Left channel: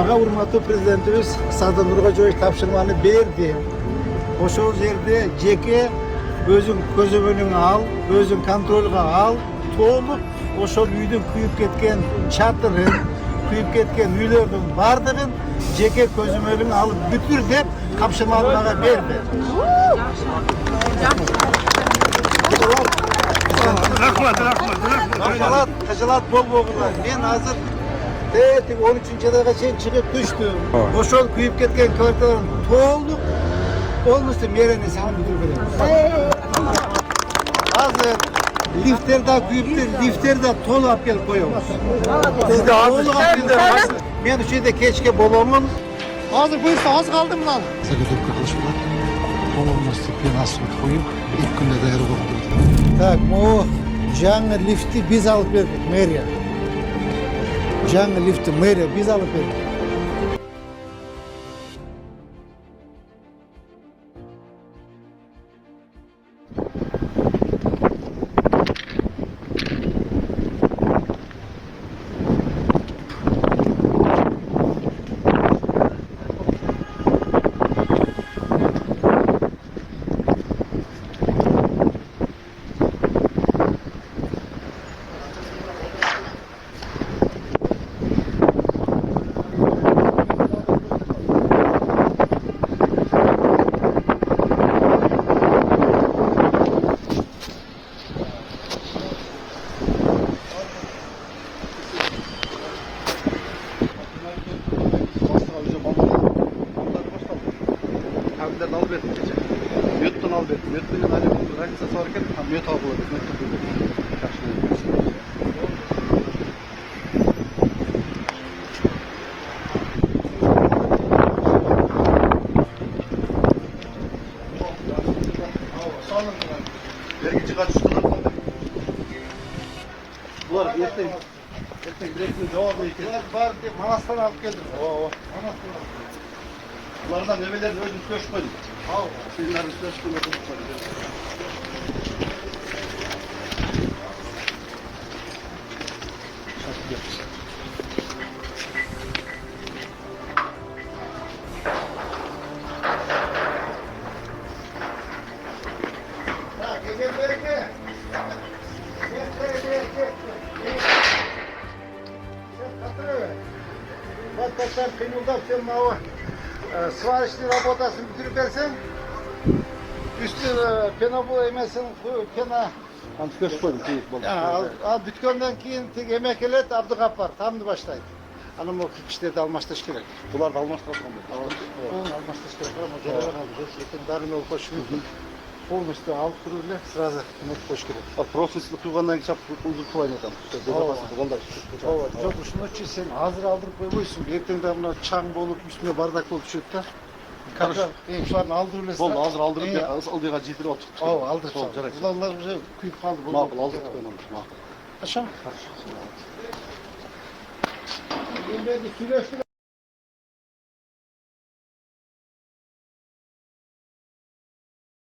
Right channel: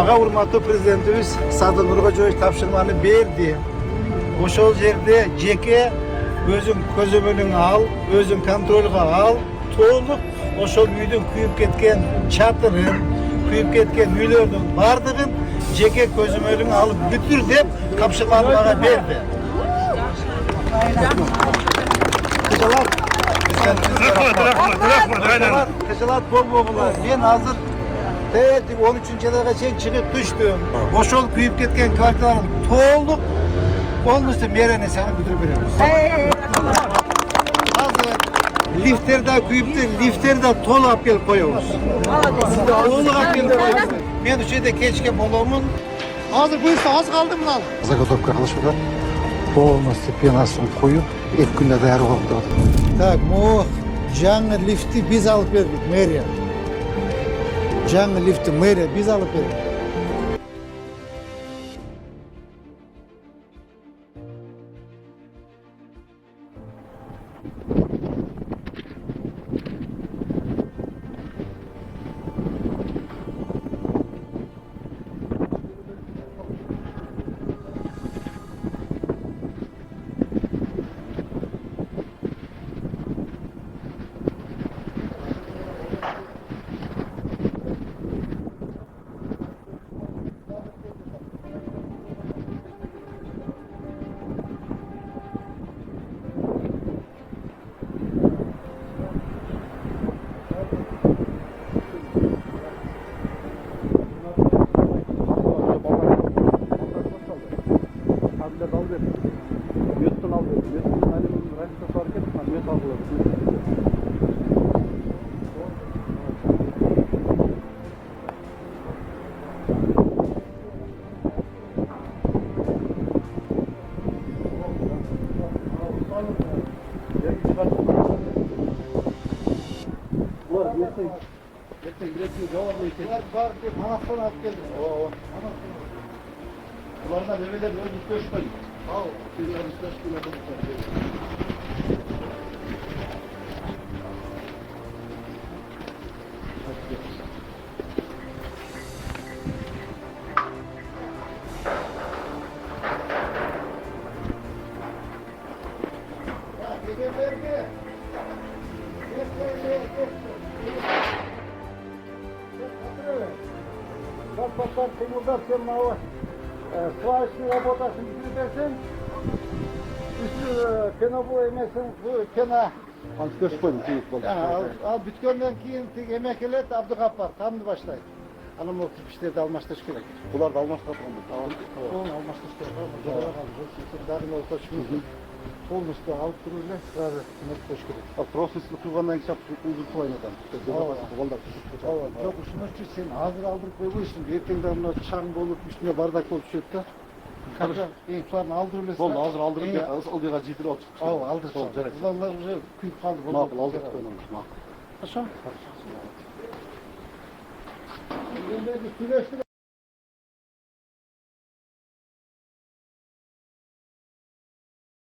Mağa hurmatlı prezidentimiz Sardar Nurgacıoğlu tapşırmanı berdi. Oşol yerde jeke özün közümünün al, özün kontrolga al. To'liq oşol üydün kuyup ketken çatırın, kuyup ketken üylerdin bardığın jeke közümünün alıp bütür dep tapşırmanı mağa berdi. Rahmat. Kıcılat bol boğular. Ben hazır Terötik 13. ayga çeyin çıkıp düştüm. Oşol kuyup ketken kvartalın to'liq olmuşsa merene seni büdürüp beremiz. Hazır lifterde kuyuptu, lifterde tolu alıp gelip koyuyoruz. Tolu alıp gelip koyuyoruz. Ben şurada keçke babamın hazır buyursa az kaldım lan. Zagadok kardeşler. Doğması, penasını koyup, ötkünle değer orada. Tak, o canlı lifti biz alıp verdik meriye. Canlı lifti meriye biz alıp verdik. Müyottan al verdim. Müyottan hani rakısa sorarken müyot aldılar. Vergi çıkar üstüne. Bunlar erken direkt cevap verirken. Bunlar var diye Manas'tan alıp geldim. Bunlardan evvelen özümüz göçmedik. Bunlar üstüne çıkıyor. Sen kıyımıldap sen mava sıvarışlı rabotasını bitirip versen üstü pena bu emesin bu pena Hans göçmedik. al bütkönden keyin tek emek elet Abdugapar tamdı başlaydı. Anam o kişileri almaştaş gerek. Bunlar da almazlar. O almaştaş gerek ama zoraya kaldı. Şimdi dağın ol koşuyor. Полностью alıp duruyla sırada koş gerek. Profesyonel kuygandan geçip uzun tulayım adam. Yok şunu için sen hazır aldırıp koyuyorsun. Ertenden buna çam bolup üstüne bardak olup çıkıp da şuların aldırıyla Oldu hazır aldırıp ya aldığı ciddi olduk. Aldık. Ulanlar kuyup kaldı. Makul aldık onu. Aşağı. Yine bir kilo